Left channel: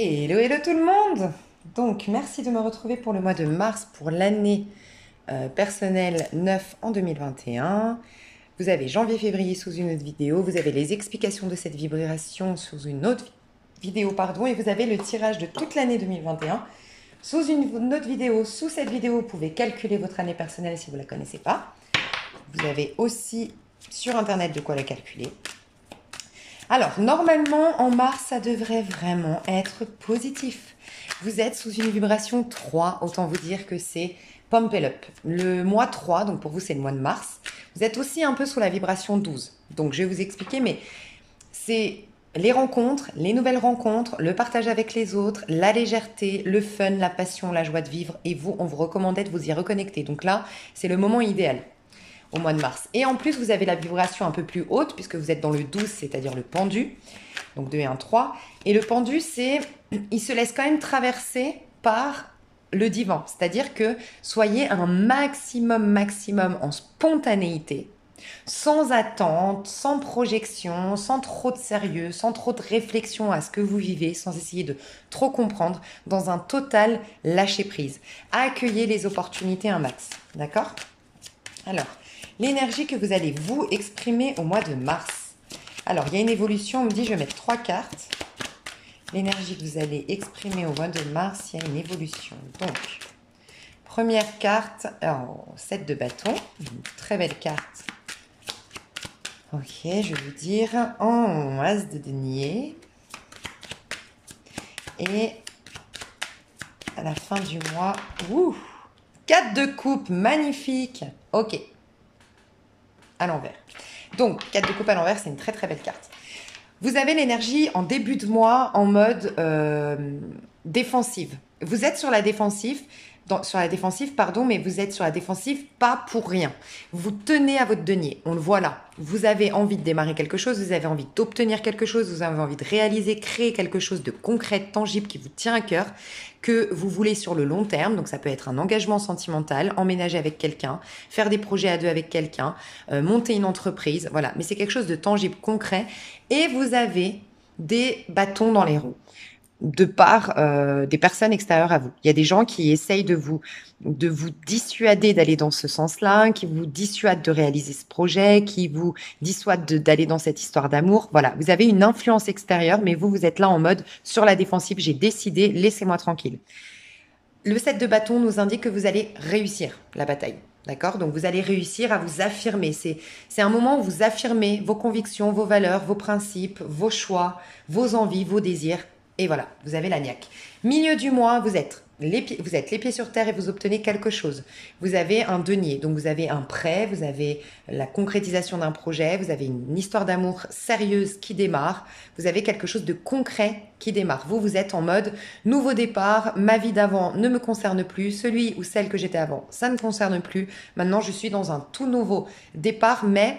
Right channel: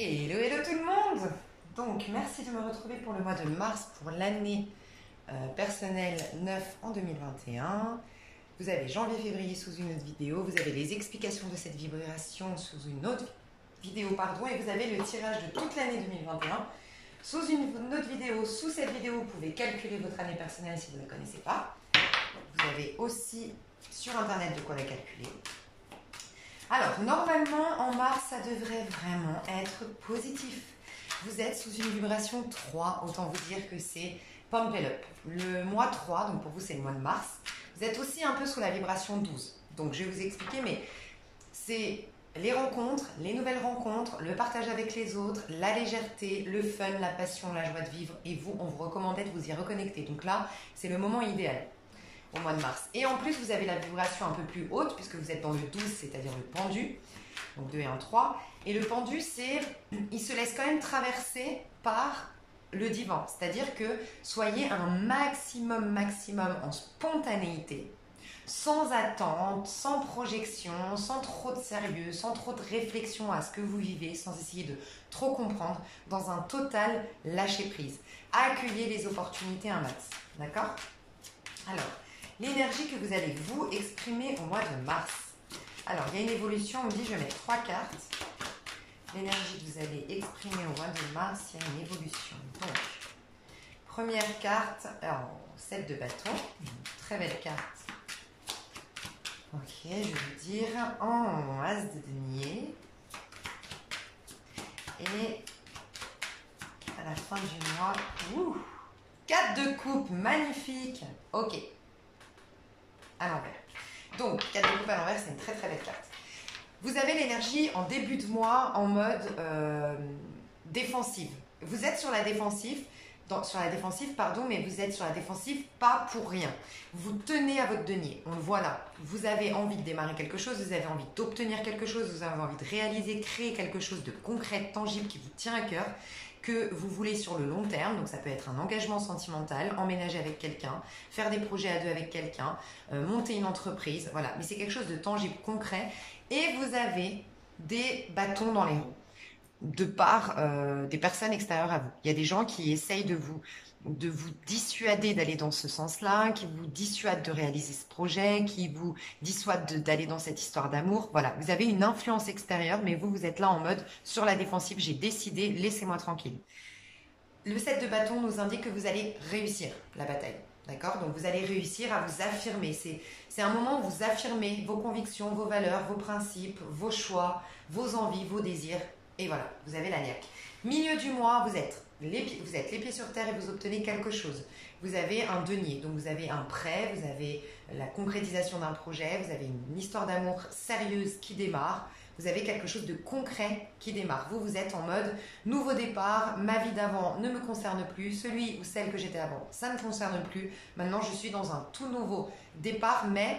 Hello, hello tout le monde! Donc, merci de me retrouver pour le mois de mars, pour l'année personnelle 9 en 2021. Vous avez janvier-février sous une autre vidéo, vous avez les explications de cette vibration sous une autre vidéo, pardon, et vous avez le tirage de toute l'année 2021 sous une autre vidéo. Sous cette vidéo, vous pouvez calculer votre année personnelle si vous ne la connaissez pas. Vous avez aussi sur Internet de quoi la calculer. Alors, normalement, en mars, ça devrait vraiment être positif. Vous êtes sous une vibration 3, autant vous dire que c'est pump it up. Le mois 3, donc pour vous, c'est le mois de mars. Vous êtes aussi un peu sous la vibration 12. Donc, je vais vous expliquer, mais c'est les rencontres, les nouvelles rencontres, le partage avec les autres, la légèreté, le fun, la passion, la joie de vivre. Et vous, on vous recommandait de vous y reconnecter. Donc là, c'est le moment idéal au mois de mars. Et en plus, vous avez la vibration un peu plus haute puisque vous êtes dans le 12, c'est-à-dire le pendu. Donc 2 et 1, 3. Et le pendu, il se laisse quand même traverser par le divin. C'est-à-dire que soyez un maximum en spontanéité, sans attente, sans projection, sans trop de sérieux, sans trop de réflexion à ce que vous vivez, sans essayer de trop comprendre, dans un total lâcher-prise. Accueillez les opportunités un max. D'accord ? Alors, l'énergie que vous allez vous exprimer au mois de mars. Alors, il y a une évolution, on me dit je vais mettre 3 cartes. L'énergie que vous allez exprimer au mois de mars, il y a une évolution. Donc, première carte, alors, 7 de bâton, une très belle carte. Ok, je vais vous dire en as de denier. Et à la fin du mois, 4 de coupe, magnifique. Ok, à l'envers. Donc, 4 de coupe à l'envers, c'est une très très belle carte. Vous avez l'énergie en début de mois en mode défensive. Vous êtes sur la défensive, mais vous êtes sur la défensive pas pour rien. Vous tenez à votre denier, on le voit là. Vous avez envie de démarrer quelque chose, vous avez envie d'obtenir quelque chose, vous avez envie de réaliser, créer quelque chose de concret, de tangible qui vous tient à cœur, que vous voulez sur le long terme. Donc ça peut être un engagement sentimental, emménager avec quelqu'un, faire des projets à deux avec quelqu'un, monter une entreprise, voilà. Mais c'est quelque chose de tangible, concret. Et vous avez des bâtons dans les roues de part des personnes extérieures à vous. Il y a des gens qui essayent de vous dissuader d'aller dans ce sens-là, qui vous dissuadent de réaliser ce projet, qui vous dissuadent d'aller dans cette histoire d'amour. Voilà, vous avez une influence extérieure, mais vous êtes là en mode sur la défensive, j'ai décidé, laissez-moi tranquille. Le 7 de bâton nous indique que vous allez réussir la bataille. D'accord? Donc vous allez réussir à vous affirmer. C'est un moment où vous affirmez vos convictions, vos valeurs, vos principes, vos choix, vos envies, vos désirs. Et voilà, vous avez la niaque. Milieu du mois, vous êtes les pieds sur terre et vous obtenez quelque chose. Vous avez un denier, donc vous avez un prêt, vous avez la concrétisation d'un projet, vous avez une histoire d'amour sérieuse qui démarre, vous avez quelque chose de concret qui démarre. Vous êtes en mode nouveau départ, ma vie d'avant ne me concerne plus, celui ou celle que j'étais avant, ça ne me concerne plus. Maintenant, je suis dans un tout nouveau départ, mais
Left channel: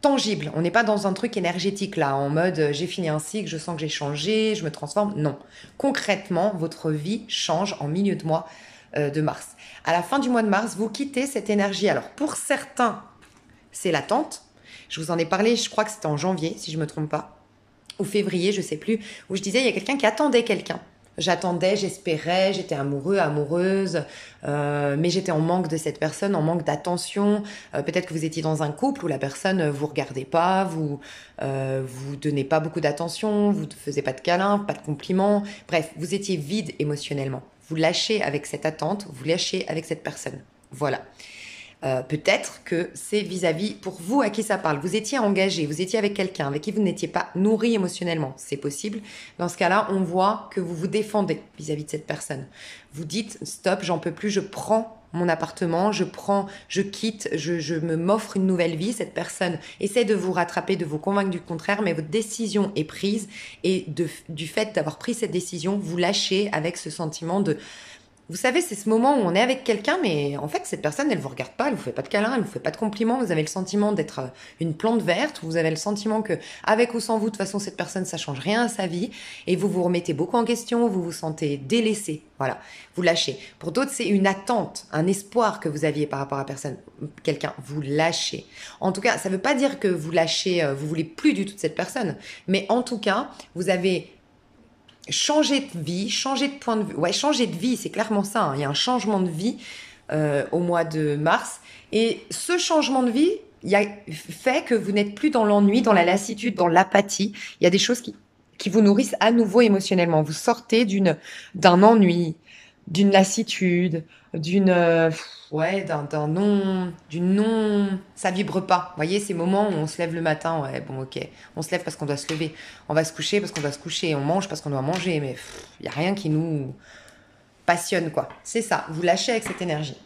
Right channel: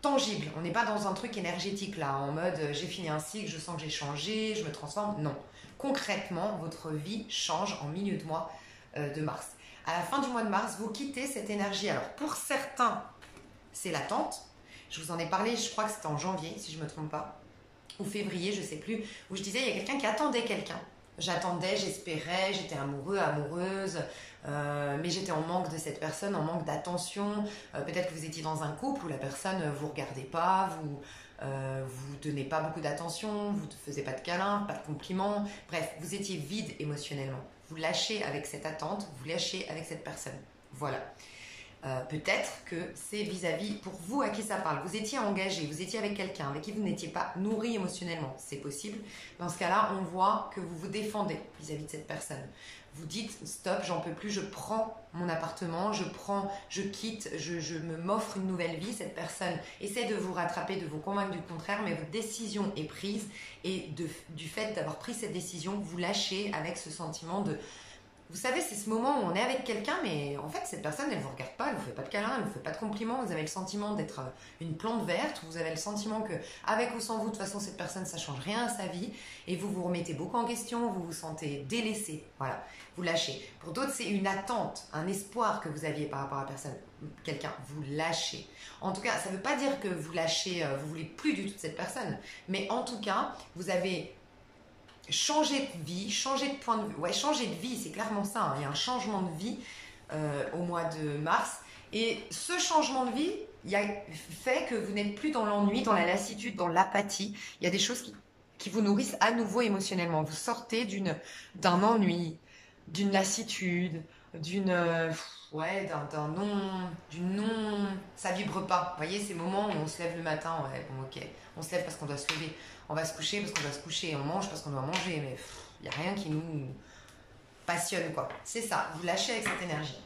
tangible. On n'est pas dans un truc énergétique là, en mode j'ai fini un cycle, je sens que j'ai changé, je me transforme. Non. Concrètement, votre vie change en milieu de mois de mars. À la fin du mois de mars, vous quittez cette énergie. Alors pour certains, c'est l'attente. Je vous en ai parlé, je crois que c'était en janvier, si je ne me trompe pas, ou février, je ne sais plus, où je disais il y a quelqu'un qui attendait quelqu'un. J'attendais, j'espérais, j'étais amoureux, amoureuse, mais j'étais en manque de cette personne, en manque d'attention. Peut-être que vous étiez dans un couple où la personne ne vous regardait pas, vous donnez pas beaucoup d'attention, vous ne faisiez pas de câlins, pas de compliments. Bref, vous étiez vide émotionnellement. Vous lâchez avec cette attente, vous lâchez avec cette personne. Voilà. Peut-être que c'est vis-à-vis pour vous à qui ça parle. Vous étiez engagé, vous étiez avec quelqu'un avec qui vous n'étiez pas nourri émotionnellement. C'est possible. Dans ce cas-là, on voit que vous vous défendez vis-à-vis de cette personne. Vous dites stop, j'en peux plus, je prends mon appartement, je quitte, je m'offre une nouvelle vie. Cette personne essaie de vous rattraper, de vous convaincre du contraire, mais votre décision est prise et du fait d'avoir pris cette décision, vous lâchez avec ce sentiment de... Vous savez, c'est ce moment où on est avec quelqu'un, mais en fait, cette personne, elle ne vous regarde pas, elle ne vous fait pas de câlin, elle ne vous fait pas de compliments. Vous avez le sentiment d'être une plante verte. Vous avez le sentiment que, avec ou sans vous, de toute façon, cette personne, ça change rien à sa vie. Et vous vous remettez beaucoup en question, vous vous sentez délaissé. Voilà, vous lâchez. Pour d'autres, c'est une attente, un espoir que vous aviez par rapport à quelqu'un. Vous lâchez. En tout cas, ça ne veut pas dire que vous lâchez, vous voulez plus du tout de cette personne. Mais en tout cas, vous avez changer de vie, changer de point de vue. Ouais, changer de vie, c'est clairement ça, hein. Il y a un changement de vie au mois de mars. Et ce changement de vie fait que vous n'êtes plus dans l'ennui, dans la lassitude, dans l'apathie. Il y a des choses qui vous nourrissent à nouveau émotionnellement. Vous sortez d'un ennui, d'une lassitude, d'une non, ça vibre pas. Vous voyez, ces moments où on se lève le matin, ouais, bon, ok, on se lève parce qu'on doit se lever, on va se coucher parce qu'on doit se coucher, on mange parce qu'on doit manger, mais il y a rien qui nous passionne, quoi. C'est ça, vous lâchez avec cette énergie.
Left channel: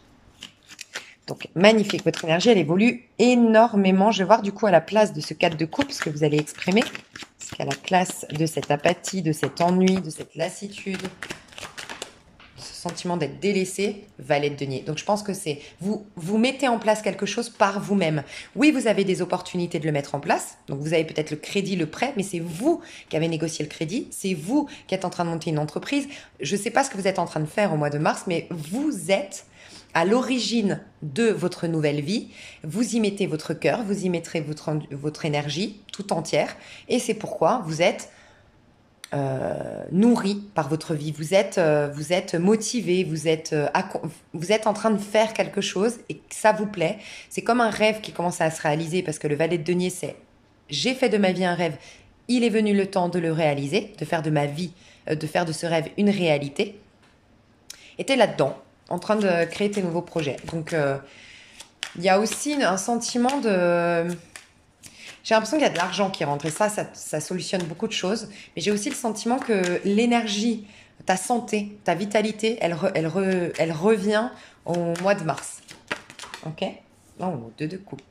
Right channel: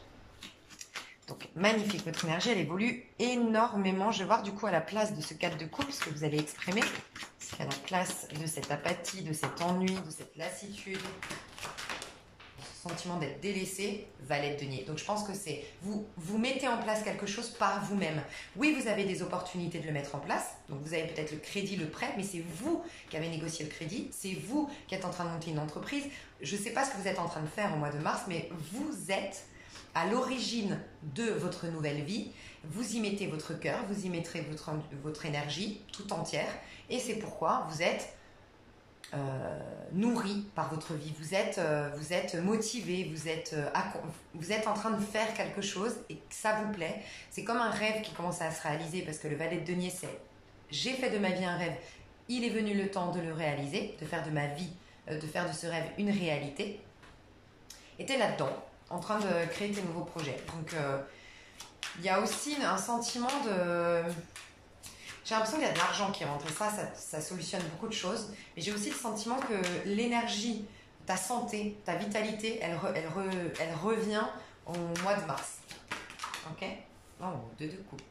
Donc, magnifique, votre énergie, elle évolue énormément. Je vais voir du coup à la place de ce 4 de coupe, ce que vous allez exprimer. Parce qu'à la place de cette apathie, de cet ennui, de cette lassitude, ce sentiment d'être délaissé, valet de denier. Donc, je pense que c'est vous mettez en place quelque chose par vous-même. Oui, vous avez des opportunités de le mettre en place. Donc, vous avez peut-être le crédit, le prêt, mais c'est vous qui avez négocié le crédit. C'est vous qui êtes en train de monter une entreprise. Je ne sais pas ce que vous êtes en train de faire au mois de mars, mais vous êtes à l'origine de votre nouvelle vie. Vous y mettez votre cœur, vous y mettrez votre énergie tout entière. Et c'est pourquoi vous êtes nourri par votre vie. Vous êtes motivé, vous êtes en train de faire quelque chose et que ça vous plaît. C'est comme un rêve qui commence à se réaliser parce que le valet de denier, c'est j'ai fait de ma vie un rêve. Il est venu le temps de le réaliser, de faire de ma vie, de faire de ce rêve une réalité. Et tu es là-dedans, en train de créer tes nouveaux projets. Donc, il y a aussi un sentiment de... J'ai l'impression qu'il y a de l'argent qui rentre et ça solutionne beaucoup de choses. Mais j'ai aussi le sentiment que l'énergie, ta santé, ta vitalité, elle revient au mois de mars. Ok? Non, 2 de coupe.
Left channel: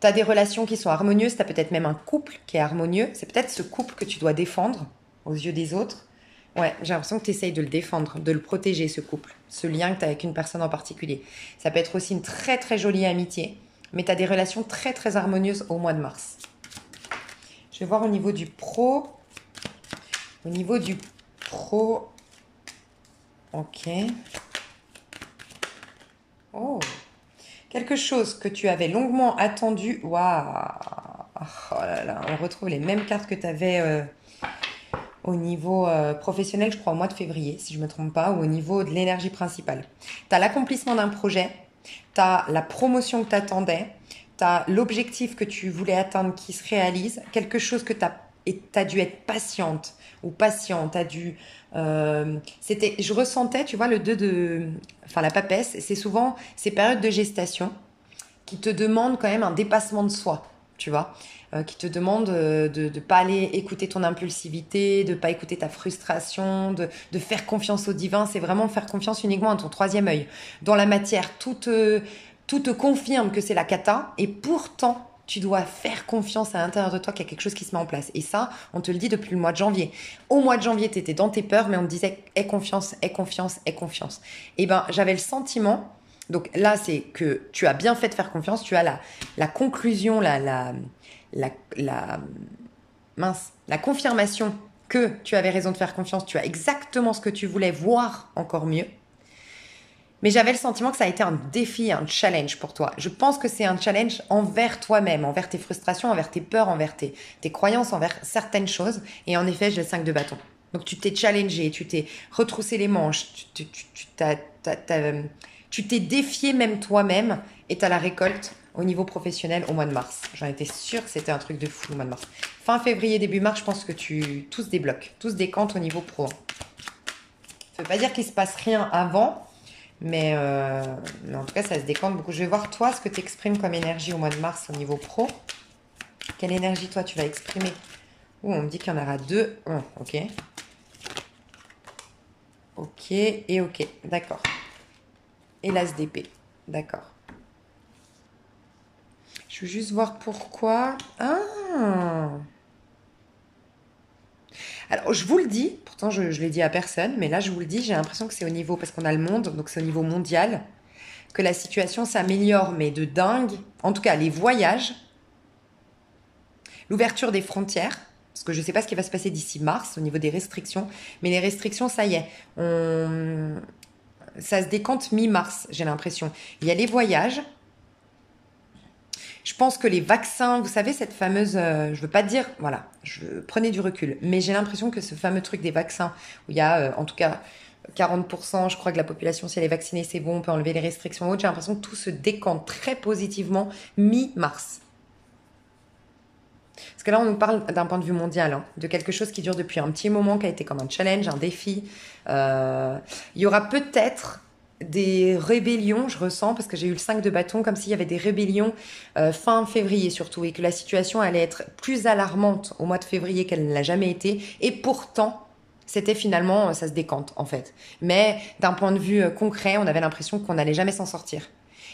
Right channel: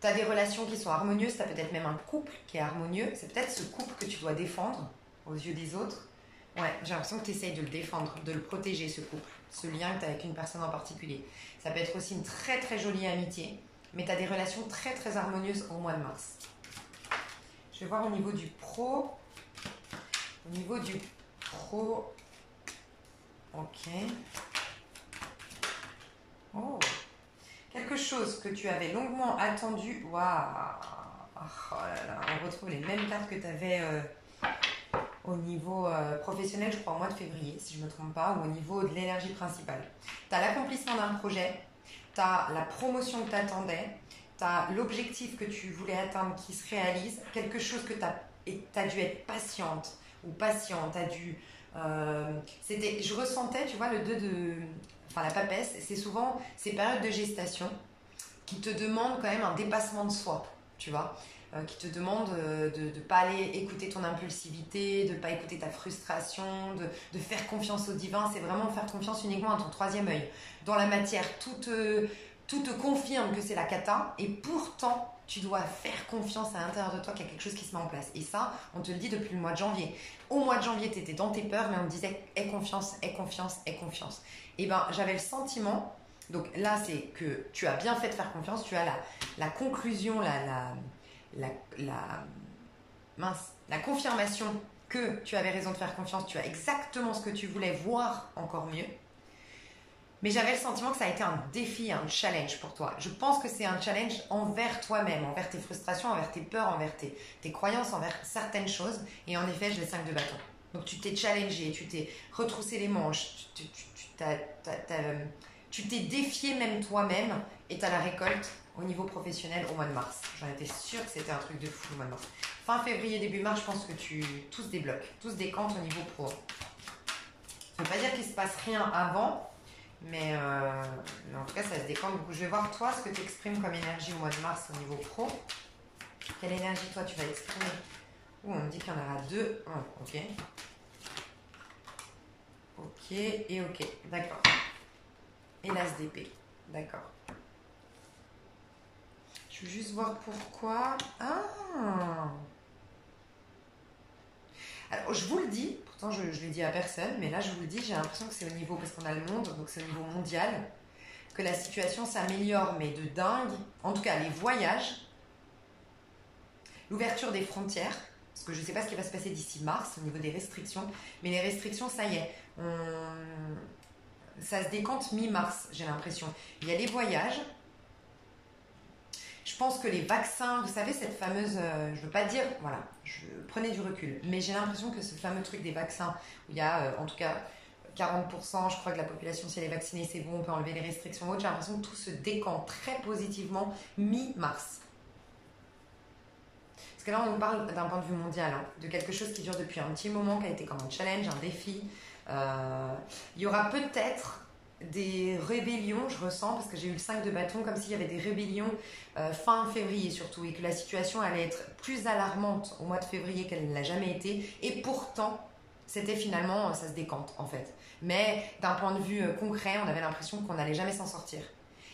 Tu as des relations qui sont harmonieuses, tu as peut-être même un couple qui est harmonieux. C'est peut-être ce couple que tu dois défendre aux yeux des autres. Ouais, j'ai l'impression que tu essayes de le défendre, de le protéger, ce couple, ce lien que tu as avec une personne en particulier. Ça peut être aussi une très très jolie amitié, mais tu as des relations très très harmonieuses au mois de mars. Je vais voir au niveau du pro. Au niveau du pro. Ok. Oh. Quelque chose que tu avais longuement attendu. Waouh. Oh là là, on retrouve les mêmes cartes que tu avais au niveau professionnel, je crois, au mois de février, si je ne me trompe pas, ou au niveau de l'énergie principale. Tu as l'accomplissement d'un projet, tu as la promotion que tu attendais, tu as l'objectif que tu voulais atteindre qui se réalise, quelque chose que tu as dû être patiente ou patient, tu as dû... je ressentais, tu vois, le 2 de... Enfin, la papesse, c'est souvent ces périodes de gestation qui te demandent quand même un dépassement de soi, tu vois, qui te demandent de ne pas aller écouter ton impulsivité, de ne pas écouter ta frustration, de faire confiance au divin. C'est vraiment faire confiance uniquement à ton troisième œil. Dans la matière, tout te confirme que c'est la cata, et pourtant, tu dois faire confiance à l'intérieur de toi qu'il y a quelque chose qui se met en place. Et ça, on te le dit depuis le mois de janvier. Au mois de janvier, tu étais dans tes peurs, mais on te disait aie confiance, aie confiance, aie confiance. Et ben, j'avais le sentiment, donc là, c'est que tu as bien fait de faire confiance, tu as la conclusion, la confirmation que tu avais raison de faire confiance, tu as exactement ce que tu voulais, voir encore mieux. Mais j'avais le sentiment que ça a été un défi, un challenge pour toi. Je pense que c'est un challenge envers toi-même, envers tes frustrations, envers tes peurs, envers tes croyances, envers certaines choses. Et en effet, j'ai le 5 de bâton. Donc tu t'es challengé, tu t'es retroussé les manches, tu t'es défié même toi-même, et tu as la récolte au niveau professionnel au mois de mars. J'en étais sûre que c'était un truc de fou au mois de mars. Fin février, début mars, je pense que tout se débloque, tout se décante au niveau pro. Ça ne veut pas dire qu'il ne se passe rien avant, mais en tout cas, ça se décante beaucoup. Je vais voir toi ce que tu exprimes comme énergie au mois de mars au niveau pro. Quelle énergie toi tu vas exprimer? On me dit qu'il y en aura 2. Oh, ok. Ok et ok, d'accord. Et l'as d'épée, d'accord. Je veux juste voir pourquoi. Ah! Alors, je vous le dis, pourtant je l'ai dit à personne, mais là je vous le dis, j'ai l'impression que c'est au niveau, parce qu'on a le monde, donc c'est au niveau mondial, que la situation s'améliore, mais de dingue. En tout cas, les voyages, l'ouverture des frontières, parce que je ne sais pas ce qui va se passer d'ici mars au niveau des restrictions, mais les restrictions, ça y est, ça se décante mi-mars, j'ai l'impression. Il y a les voyages. Je pense que les vaccins, vous savez, cette fameuse, je veux pas dire, voilà, prenez du recul, mais j'ai l'impression que ce fameux truc des vaccins, où il y a en tout cas 40%, je crois que la population, si elle est vaccinée, c'est bon, on peut enlever les restrictions autres, j'ai l'impression que tout se décante très positivement mi-mars. Parce que là, on nous parle d'un point de vue mondial, hein, de quelque chose qui dure depuis un petit moment, qui a été comme un challenge, un défi. Il y aura peut-être des rébellions, je ressens, parce que j'ai eu le 5 de bâton, comme s'il y avait des rébellions fin février surtout, et que la situation allait être plus alarmante au mois de février qu'elle ne l'a jamais été. Et pourtant, c'était finalement, ça se décante en fait. Mais d'un point de vue concret, on avait l'impression qu'on n'allait jamais s'en sortir.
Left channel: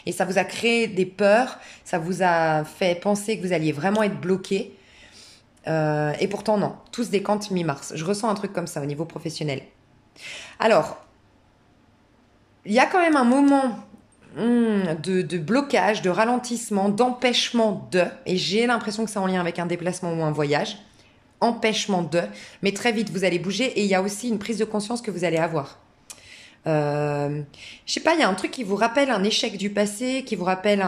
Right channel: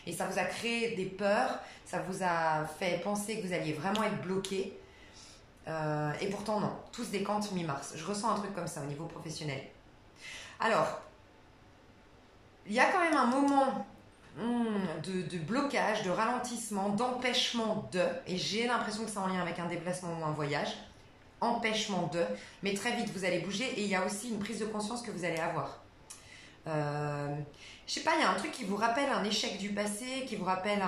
Et ça vous a créé des peurs, ça vous a fait penser que vous alliez vraiment être bloqué. Et pourtant, non, tout se décante mi-mars. Je ressens un truc comme ça au niveau professionnel. Alors, il y a quand même un moment de blocage, de ralentissement, d'empêchement de, et j'ai l'impression que c'est en lien avec un déplacement ou un voyage, empêchement de, mais très vite vous allez bouger et il y a aussi une prise de conscience que vous allez avoir. Je sais pas, il y a un truc qui vous rappelle un échec du passé, qui vous rappelle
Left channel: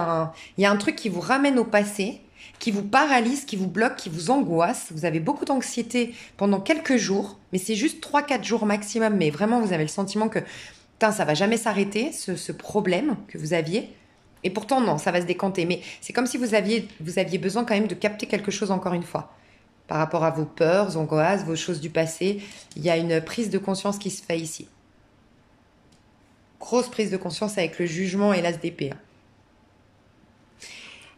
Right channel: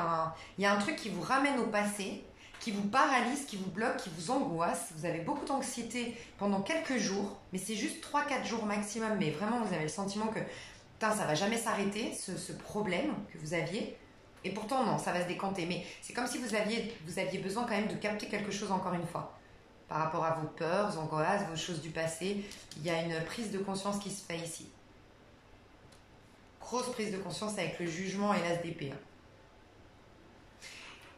il y a un truc qui vous ramène au passé, qui vous paralyse, qui vous bloque, qui vous angoisse. Vous avez beaucoup d'anxiété pendant quelques jours, mais c'est juste 3-4 jours maximum, mais vraiment vous avez le sentiment que putain, ça va jamais s'arrêter, ce problème que vous aviez. Et pourtant, non, ça va se décanter. Mais c'est comme si vous aviez besoin quand même de capter quelque chose encore une fois. Par rapport à vos peurs, vos angoisses, vos choses du passé, il y a une prise de conscience qui se fait ici. Grosse prise de conscience avec le jugement et l'as d'épée.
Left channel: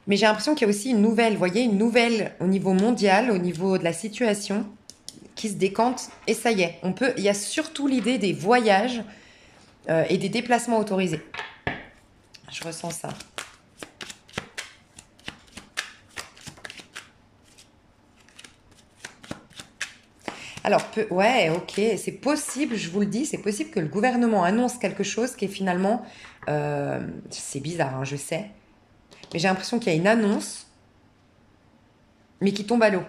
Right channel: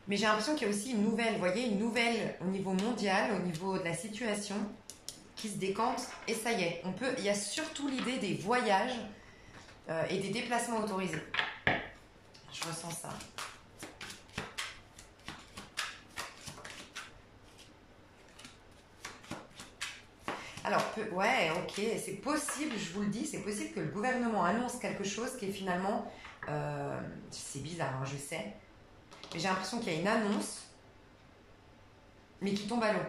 Mais j'ai l'impression qu'il y a aussi une nouvelle, vous voyez, une nouvelle au niveau mondial, au niveau de la situation qui se décante. Et ça y est, il y a surtout l'idée des voyages et des déplacements autorisés. Je ressens ça. Alors, ouais, ok, c'est possible, je vous le dis, c'est possible que le gouvernement annonce quelque chose qui est finalement... c'est bizarre, hein, je sais. Mais j'ai l'impression qu'il y a une annonce, mais qui tombe à l'eau.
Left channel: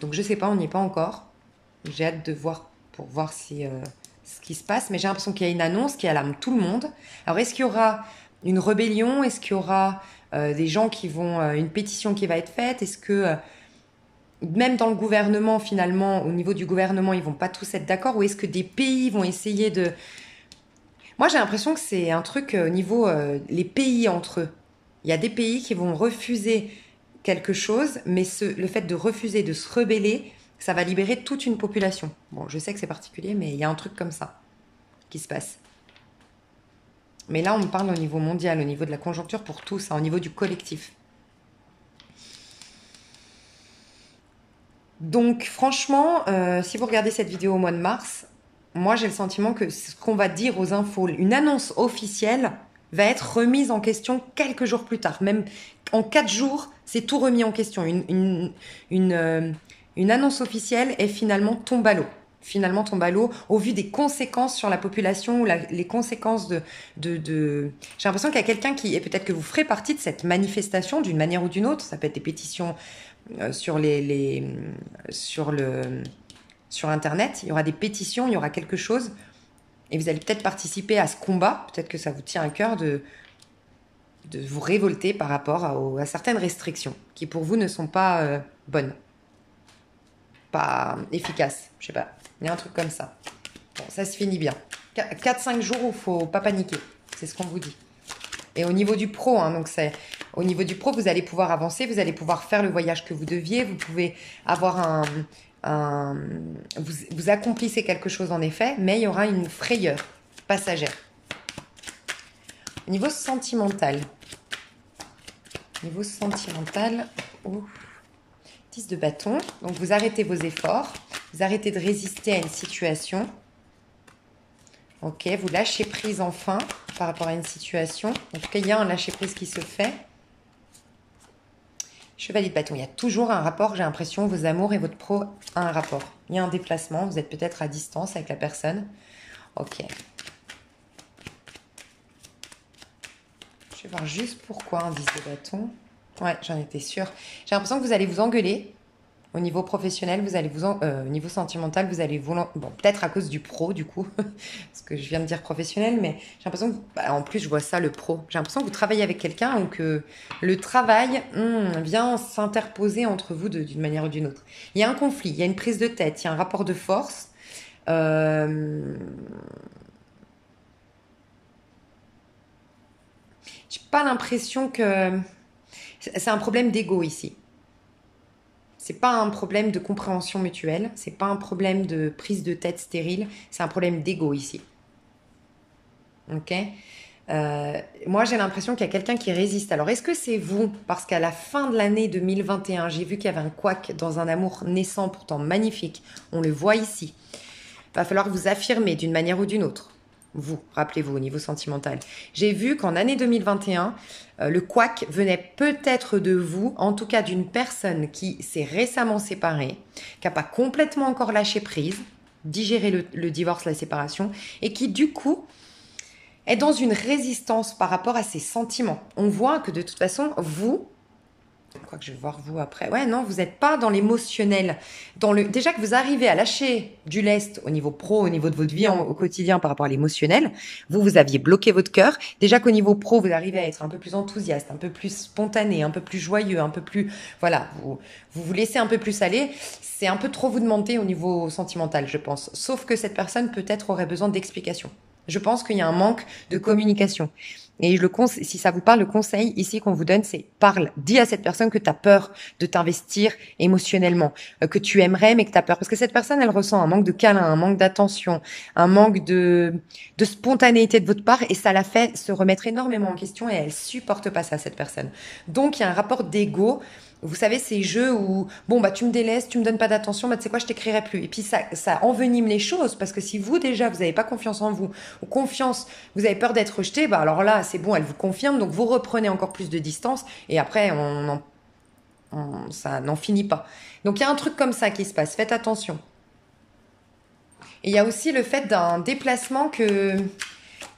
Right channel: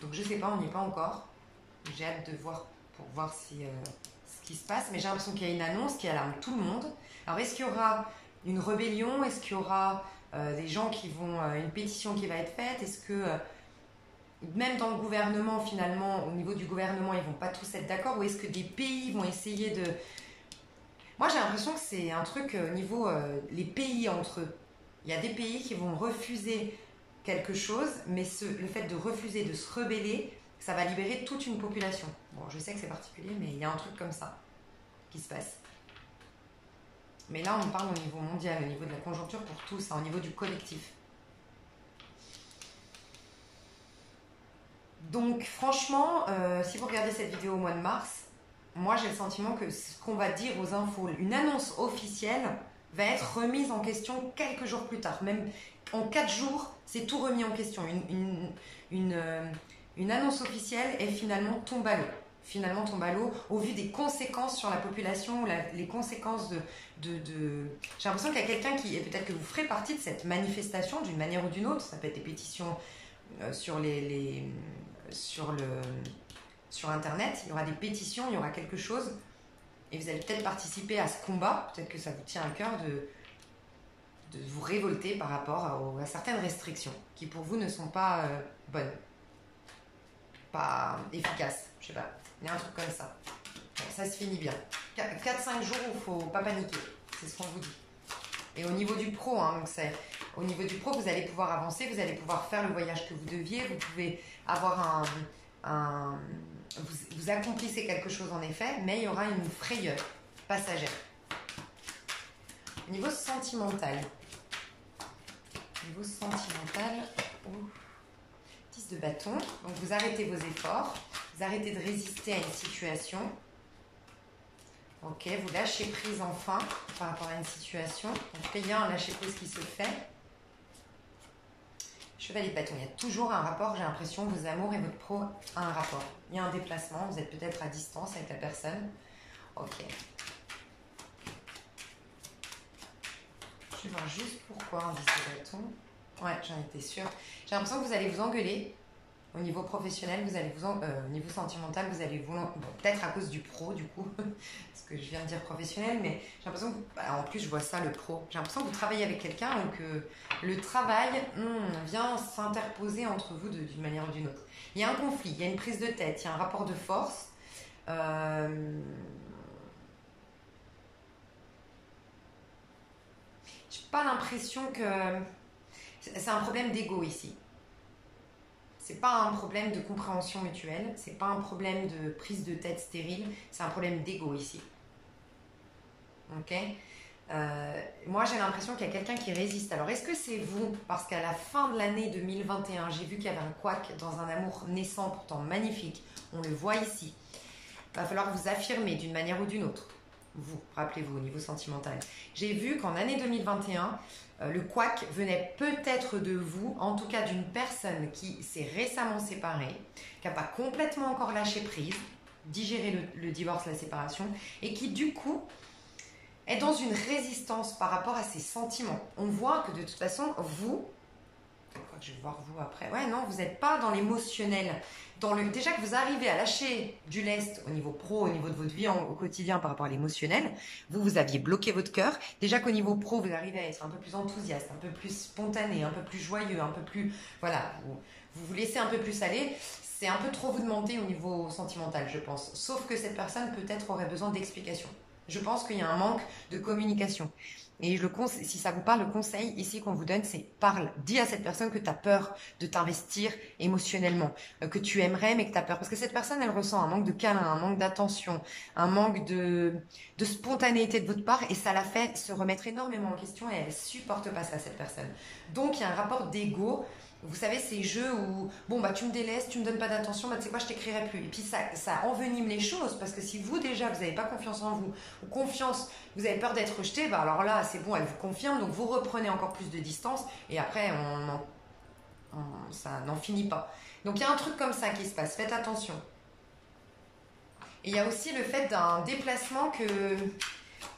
Donc, je sais pas, on n'y est pas encore. J'ai hâte de voir, pour voir si, ce qui se passe. Mais j'ai l'impression qu'il y a une annonce qui alarme tout le monde. Alors, est-ce qu'il y aura une rébellion? Est-ce qu'il y aura des gens qui vont... une pétition qui va être faite? Est-ce que... même dans le gouvernement, finalement, au niveau du gouvernement, ils vont pas tous être d'accord? Ou est-ce que des pays vont essayer de... Moi, j'ai l'impression que c'est un truc au niveau les pays entre eux. Il y a des pays qui vont refuser quelque chose, mais le fait de refuser, de se rebeller, ça va libérer toute une population. Bon, je sais que c'est particulier, mais il y a un truc comme ça qui se passe. Mais là, on parle au niveau mondial, au niveau de la conjoncture pour tous, hein, au niveau du collectif. Donc franchement, si vous regardez cette vidéo au mois de mars, moi j'ai le sentiment que ce qu'on va dire aux infos, une annonce officielle va être remise en question quelques jours plus tard. Même en 4 jours, c'est tout remis en question. Une annonce officielle est finalement tombe à l'eau. Finalement tombe à l'eau au vu des conséquences sur la population, les conséquences de... J'ai l'impression qu'il y a quelqu'un qui... Et peut-être que vous ferez partie de cette manifestation d'une manière ou d'une autre. Ça peut être des pétitions... sur Internet, il y aura des pétitions, il y aura quelque chose, et vous allez peut-être participer à ce combat, peut-être que ça vous tient à cœur de vous révolter par rapport à certaines restrictions qui pour vous ne sont pas bonnes, pas efficaces, je sais pas, il y a un truc comme ça. Bon, ça se finit bien. 4-5 jours où il ne faut pas paniquer, c'est ce qu'on vous dit. Et au niveau du pro, hein, donc au niveau du pro, vous allez pouvoir avancer, vous allez pouvoir faire le voyage que vous deviez, vous pouvez avoir vous accomplissez quelque chose en effet, mais il y aura une frayeur passagère. Au niveau sentimental, oh, 10 de bâton, donc vous arrêtez vos efforts, vous arrêtez de résister à une situation. Ok, vous lâchez prise enfin par rapport à une situation. En tout cas, il y a un lâcher prise qui se fait. Chevalier de bâton, il y a toujours un rapport, j'ai l'impression, vos amours et votre pro ont un rapport. Il y a un déplacement, vous êtes peut-être à distance avec la personne. Ok. Je vais voir juste pourquoi un 10 de bâton. Ouais, j'en étais sûre. J'ai l'impression que vous allez vous engueuler. Au niveau professionnel, vous allez au niveau sentimental, vous allez bon, peut-être à cause du pro du coup, parce que je viens de dire professionnel, mais j'ai l'impression que, en plus je vois ça le pro. J'ai l'impression que vous travaillez avec quelqu'un ou que le travail vient s'interposer entre vous d'une manière ou d'une autre. Il y a un conflit, il y a une prise de tête, il y a un rapport de force. J'ai pas l'impression que c'est un problème d'ego ici. C'est pas un problème de compréhension mutuelle, c'est pas un problème de prise de tête stérile, c'est un problème d'ego ici. Ok. Moi, j'ai l'impression qu'il y a quelqu'un qui résiste. Alors, est-ce que c'est vous? Parce qu'à la fin de l'année 2021, j'ai vu qu'il y avait un couac dans un amour naissant, pourtant magnifique. On le voit ici. Il va falloir vous affirmer d'une manière ou d'une autre. Vous, rappelez-vous, au niveau sentimental. J'ai vu qu'en année 2021, le couac venait peut-être de vous, en tout cas d'une personne qui s'est récemment séparée, qui n'a pas complètement encore lâché prise, digéré le divorce, la séparation, et qui du coup est dans une résistance par rapport à ses sentiments. On voit que de toute façon, vous, quoi que je vais voir vous après, ouais, non, vous n'êtes pas dans l'émotionnel. Déjà que vous arrivez à lâcher du lest au niveau pro, au niveau de votre vie au quotidien par rapport à l'émotionnel, vous aviez bloqué votre cœur. Déjà qu'au niveau pro, vous arrivez à être un peu plus enthousiaste, un peu plus spontané, un peu plus joyeux, un peu plus... Voilà, vous laissez un peu plus aller. C'est un peu trop vous demander au niveau sentimental, je pense. Sauf que cette personne peut-être aurait besoin d'explications. Je pense qu'il y a un manque de communication. Et si ça vous parle, le conseil ici qu'on vous donne, c'est parle. Dis à cette personne que tu as peur de t'investir émotionnellement, que tu aimerais mais que tu as peur. Parce que cette personne, elle ressent un manque de câlin, un manque d'attention, un manque de spontanéité de votre part et ça la fait se remettre énormément en question et elle supporte pas ça, cette personne. Donc, il y a un rapport d'ego. Vous savez, ces jeux où, bon, bah, tu me délaisses, tu me donnes pas d'attention, bah, tu sais quoi, je t'écrirai plus. Et puis, ça envenime les choses parce que si vous, déjà, vous n'avez pas confiance en vous, ou confiance, vous avez peur d'être rejeté, bah, alors là, c'est bon, elle vous confirme, donc vous reprenez encore plus de distance et après, ça n'en finit pas. Donc, il y a un truc comme ça qui se passe, faites attention. Et il y a aussi le fait d'un déplacement que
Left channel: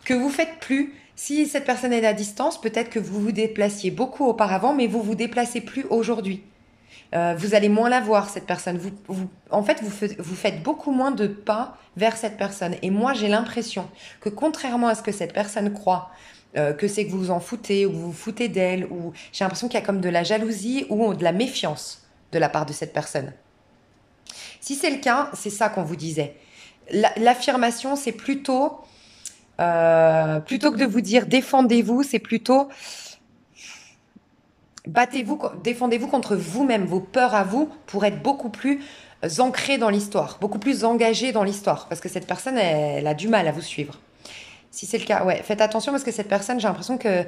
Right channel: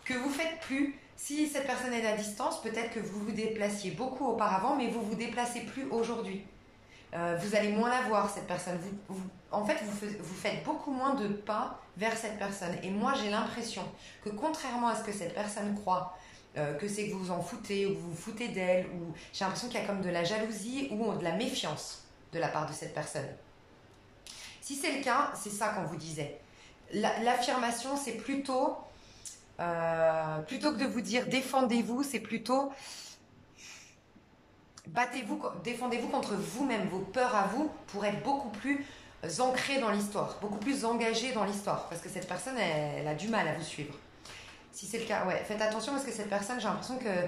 vous faites plus. Si cette personne est à distance, peut-être que vous vous déplaciez beaucoup auparavant, mais vous vous déplacez plus aujourd'hui. Vous allez moins la voir, cette personne. En fait, vous faites beaucoup moins de pas vers cette personne. Et moi, j'ai l'impression que contrairement à ce que cette personne croit, que c'est que vous vous en foutez, ou vous vous foutez d'elle, ou j'ai l'impression qu'il y a comme de la jalousie ou de la méfiance de la part de cette personne. Si c'est le cas, c'est ça qu'on vous disait. L'affirmation, c'est plutôt que de vous dire défendez-vous, c'est plutôt défendez-vous contre vous-même, vos peurs à vous, pour être beaucoup plus ancré dans l'histoire, beaucoup plus engagé dans l'histoire, parce que cette personne, elle a du mal à vous suivre. Si c'est le cas, ouais, faites attention parce que cette personne, j'ai l'impression que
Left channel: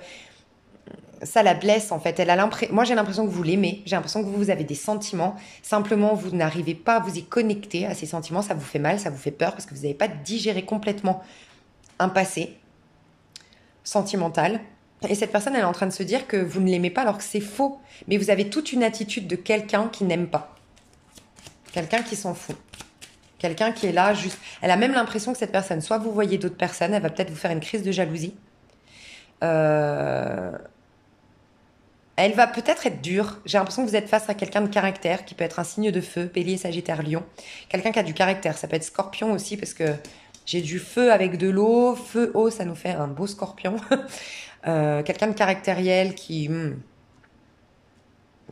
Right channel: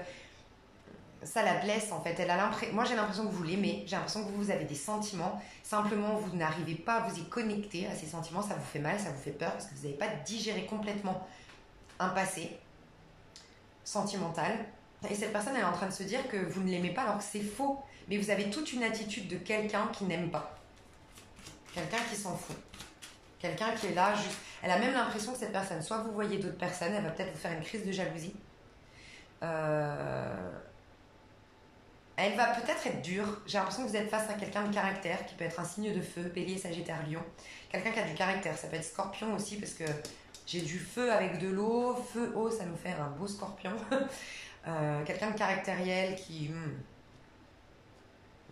ça la blesse en fait. Moi, j'ai l'impression que vous l'aimez, j'ai l'impression que vous avez des sentiments. Simplement, vous n'arrivez pas à vous y connecter à ces sentiments. Ça vous fait mal, ça vous fait peur parce que vous n'avez pas digéré complètement un passé sentimental. Et cette personne, elle est en train de se dire que vous ne l'aimez pas alors que c'est faux. Mais vous avez toute une attitude de quelqu'un qui n'aime pas. Quelqu'un qui s'en fout. Quelqu'un qui est là juste... Elle a même l'impression que cette personne, soit vous voyez d'autres personnes, elle va peut-être vous faire une crise de jalousie. Elle va peut-être être dure. J'ai l'impression que vous êtes face à quelqu'un de caractère qui peut être un signe de feu, Bélier, Sagittaire, Lion. Quelqu'un qui a du caractère. Ça peut être Scorpion aussi parce que j'ai du feu avec de l'eau. Feu, eau, ça nous fait un beau Scorpion. Quelqu'un de caractériel qui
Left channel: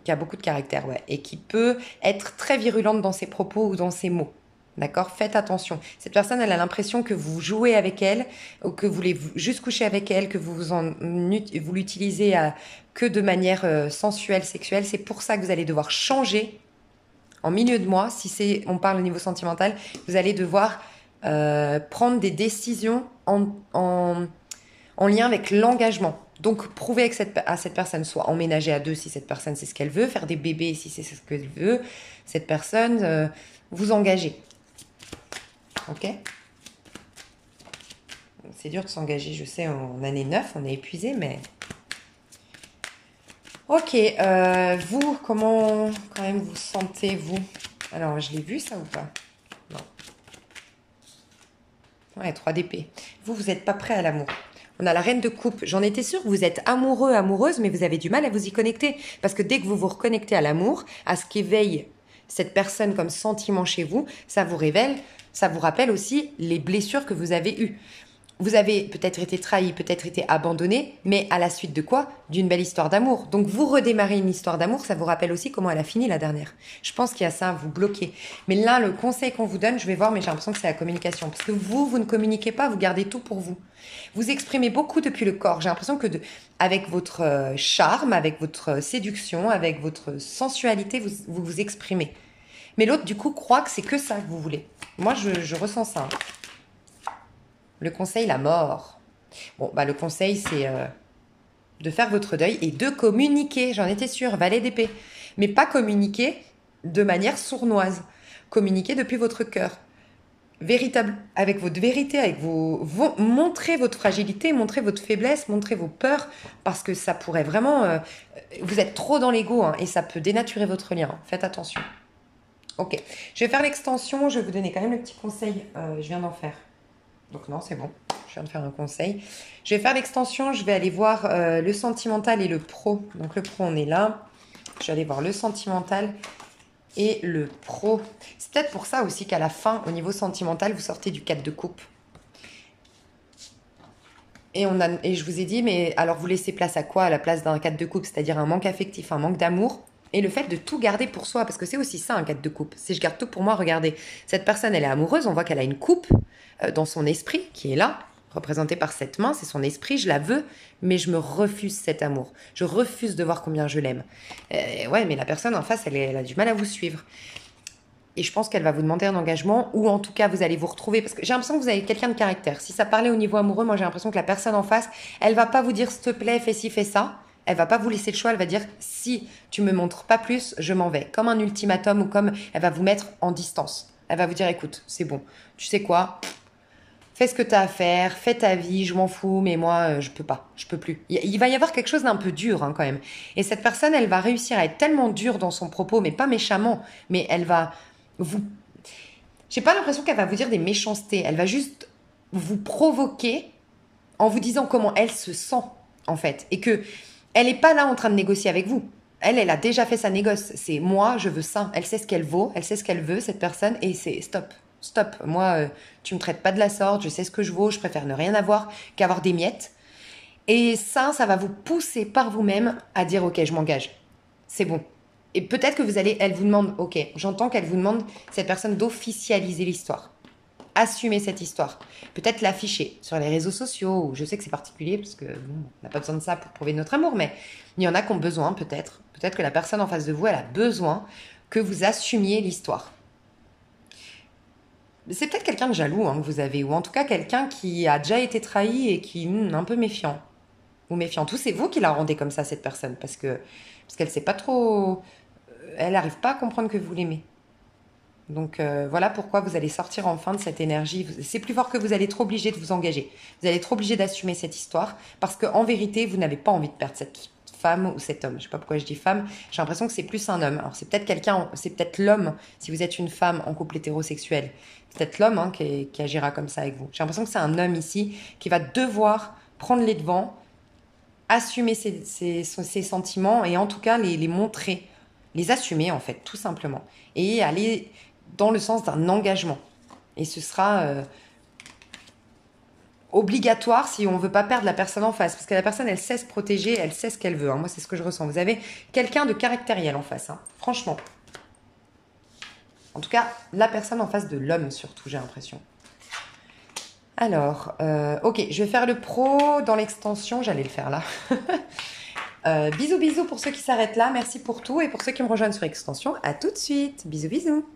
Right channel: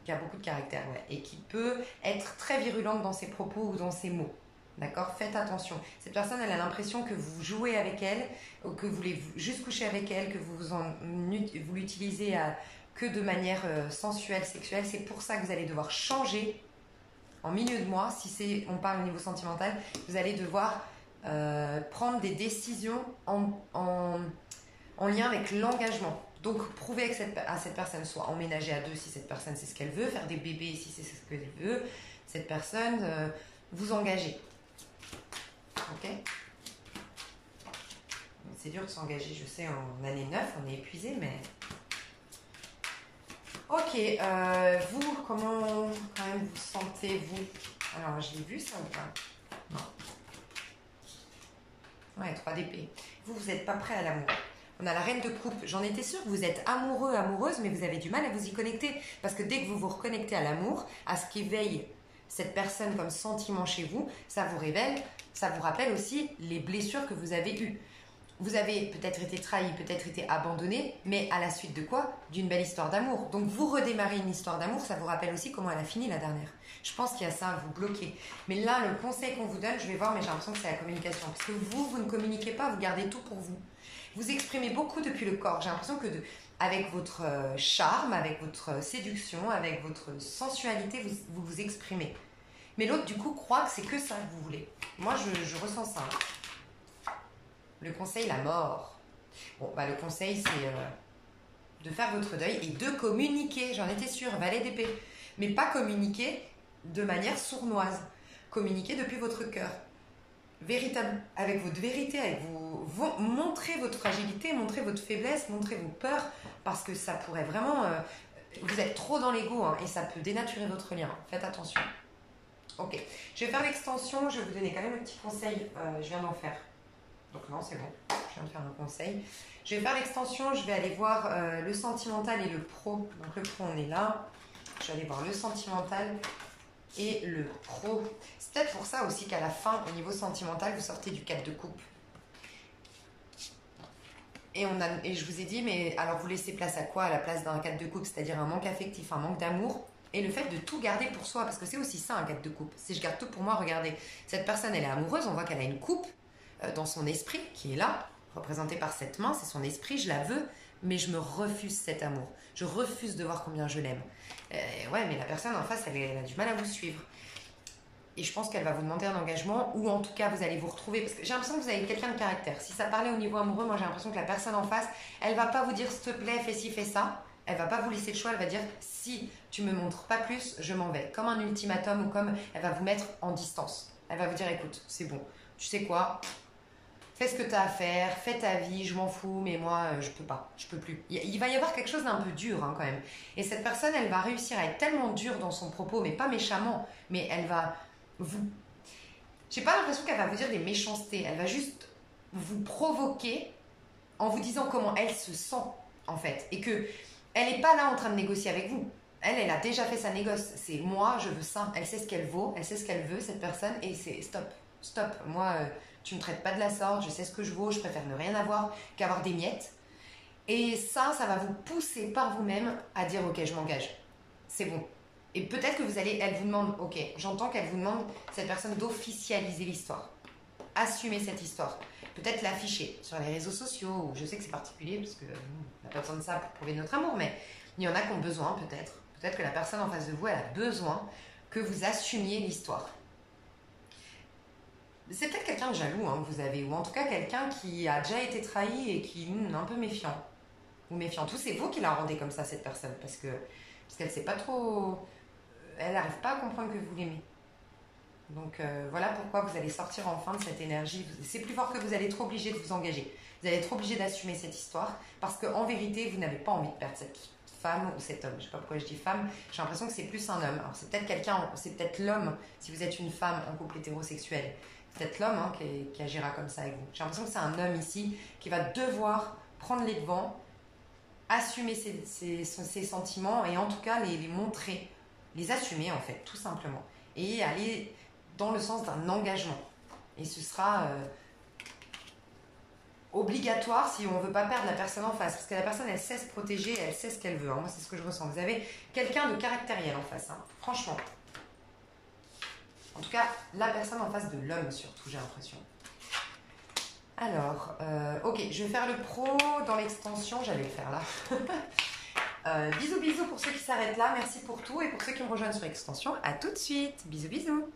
a beaucoup de caractère, ouais, et qui peut être très virulente dans ses propos ou dans ses mots. D'accord? Faites attention. Cette personne, elle a l'impression que vous jouez avec elle, ou que vous voulez juste coucher avec elle, que vous l'utilisez que de manière sensuelle, sexuelle. C'est pour ça que vous allez devoir changer en milieu de mois. Si on parle au niveau sentimental, vous allez devoir prendre des décisions en lien avec l'engagement. Donc, prouvez à cette personne, soit emménager à deux si cette personne c'est ce qu'elle veut, faire des bébés si c'est ce qu'elle veut, cette personne, vous engagez. Ok? C'est dur de s'engager, je sais, en année 9, on est épuisé, mais... Ok, vous, comment quand même vous sentez-vous? Alors, je l'ai vu ça ou pas? Non. Ouais, 3 d'épée. Vous n'êtes pas prêt à l'amour. On a la reine de coupe. J'en étais sûre que vous êtes amoureux, amoureuse, mais vous avez du mal à vous y connecter. Parce que dès que vous vous reconnectez à l'amour, à ce qu'éveille cette personne comme sentiment chez vous, ça vous révèle, ça vous rappelle aussi les blessures que vous avez eues. Vous avez peut-être été trahi, peut-être été abandonné, mais à la suite de quoi? D'une belle histoire d'amour. Donc vous redémarrez une histoire d'amour, ça vous rappelle aussi comment elle a fini la dernière. Je pense qu'il y a ça à vous bloquer. Mais là, le conseil qu'on vous donne, je vais voir, mais j'ai l'impression que c'est la communication. Parce que vous ne communiquez pas, vous gardez tout pour vous. Vous exprimez beaucoup depuis le corps. J'ai l'impression que avec votre charme, avec votre séduction, avec votre sensualité, vous exprimez. Mais l'autre, du coup, croit que c'est que ça que vous voulez. Moi, je ressens ça. Le conseil, la mort. Bon, bah, le conseil, c'est de faire votre deuil et de communiquer. J'en étais sûre, valet d'épée. Mais pas communiquer de manière sournoise. Communiquer depuis votre cœur. Véritable, avec votre vérité, avec montrez votre fragilité, montrez votre faiblesse, montrez vos peurs, parce que ça pourrait vraiment... vous êtes trop dans l'ego hein, et ça peut dénaturer votre lien. Faites attention. Ok, je vais faire l'extension. Je vais vous donner quand même le petit conseil. Je viens d'en faire. Donc non, c'est bon, je viens de faire un conseil. Je vais faire l'extension, je vais aller voir le sentimental et le pro. Donc le pro, on est là. Je vais aller voir le sentimental et le pro. C'est peut-être pour ça aussi qu'à la fin, au niveau sentimental, vous sortez du 4 de coupe. Et je vous ai dit, mais alors vous laissez place à quoi à la place d'un 4 de coupe? C'est-à-dire un manque affectif, un manque d'amour. Et le fait de tout garder pour soi, parce que c'est aussi ça un 4 de coupe. Si je garde tout pour moi, regardez, cette personne, elle est amoureuse, on voit qu'elle a une coupe dans son esprit qui est là, représentée par cette main, c'est son esprit, je la veux, mais je me refuse cet amour. Je refuse de voir combien je l'aime. Ouais, mais la personne en face, elle a du mal à vous suivre. Et je pense qu'elle va vous demander un engagement, ou en tout cas, vous allez vous retrouver, parce que j'ai l'impression que vous avez quelqu'un de caractère. Si ça parlait au niveau amoureux, moi j'ai l'impression que la personne en face, elle va pas vous dire, s'il te plaît, fais ci, fais ça. Elle va pas vous laisser le choix, elle va dire, si tu me montres pas plus, je m'en vais. Comme un ultimatum, ou comme elle va vous mettre en distance. Elle va vous dire, écoute, c'est bon, tu sais quoi, fais ce que tu as à faire, fais ta vie, je m'en fous, mais moi, je peux pas, je peux plus. Il va y avoir quelque chose d'un peu dur hein, quand même. Et cette personne, elle va réussir à être tellement dure dans son propos, mais pas méchamment, mais elle va vous... J'ai pas l'impression qu'elle va vous dire des méchancetés, elle va juste vous provoquer en vous disant comment elle se sent, en fait. Et que elle n'est pas là en train de négocier avec vous. Elle a déjà fait sa négoce. C'est moi, je veux ça. Elle sait ce qu'elle vaut, elle sait ce qu'elle veut, cette personne, et c'est stop. Stop, moi, tu me traites pas de la sorte, je sais ce que je vaux, je préfère ne rien avoir qu'avoir des miettes. Et ça va vous pousser par vous-même à dire, ok, je m'engage. C'est bon. Et peut-être que elle vous demande, ok, j'entends qu'elle vous demande, cette personne, d'officialiser l'histoire. Assumer cette histoire. Peut-être l'afficher sur les réseaux sociaux, ou je sais que c'est particulier, parce que on n'a pas besoin de ça pour prouver notre amour, mais il y en a qui ont besoin, peut-être. Peut-être que la personne en face de vous, elle a besoin que vous assumiez l'histoire. C'est peut-être quelqu'un de jaloux hein, que vous avez, ou en tout cas quelqu'un qui a déjà été trahi et qui est un peu méfiant. Ou méfiant. Tout, c'est vous qui la rendez comme ça, cette personne, parce qu'elle ne sait pas trop... Elle n'arrive pas à comprendre que vous l'aimez. Donc voilà pourquoi vous allez sortir enfin de cette énergie. C'est plus fort que vous allez être obligé de vous engager. Vous allez être obligé d'assumer cette histoire, parce qu'en vérité, vous n'avez pas envie de perdre cette femme ou cet homme. Je ne sais pas pourquoi je dis femme, j'ai l'impression que c'est plus un homme. Alors c'est peut-être l'homme, si vous êtes une femme en couple hétérosexuel. C'est peut-être l'homme hein, qui agira comme ça avec vous. J'ai l'impression que c'est un homme ici qui va devoir prendre les devants, assumer ses sentiments et en tout cas les montrer, les assumer en fait, tout simplement. Et aller dans le sens d'un engagement. Et ce sera obligatoire si on ne veut pas perdre la personne en face. Parce que la personne, elle sait se protéger, elle sait ce qu'elle veut. Hein. Moi, c'est ce que je ressens. Vous avez quelqu'un de caractériel en face. Hein. Franchement. En tout cas, la personne en face de l'homme, surtout, j'ai l'impression. Alors, ok, je vais faire le pro dans l'extension. J'allais le faire là. Bisous, bisous pour ceux qui s'arrêtent là. Merci pour tout. Et pour ceux qui me rejoignent sur extension, à tout de suite. Bisous, bisous.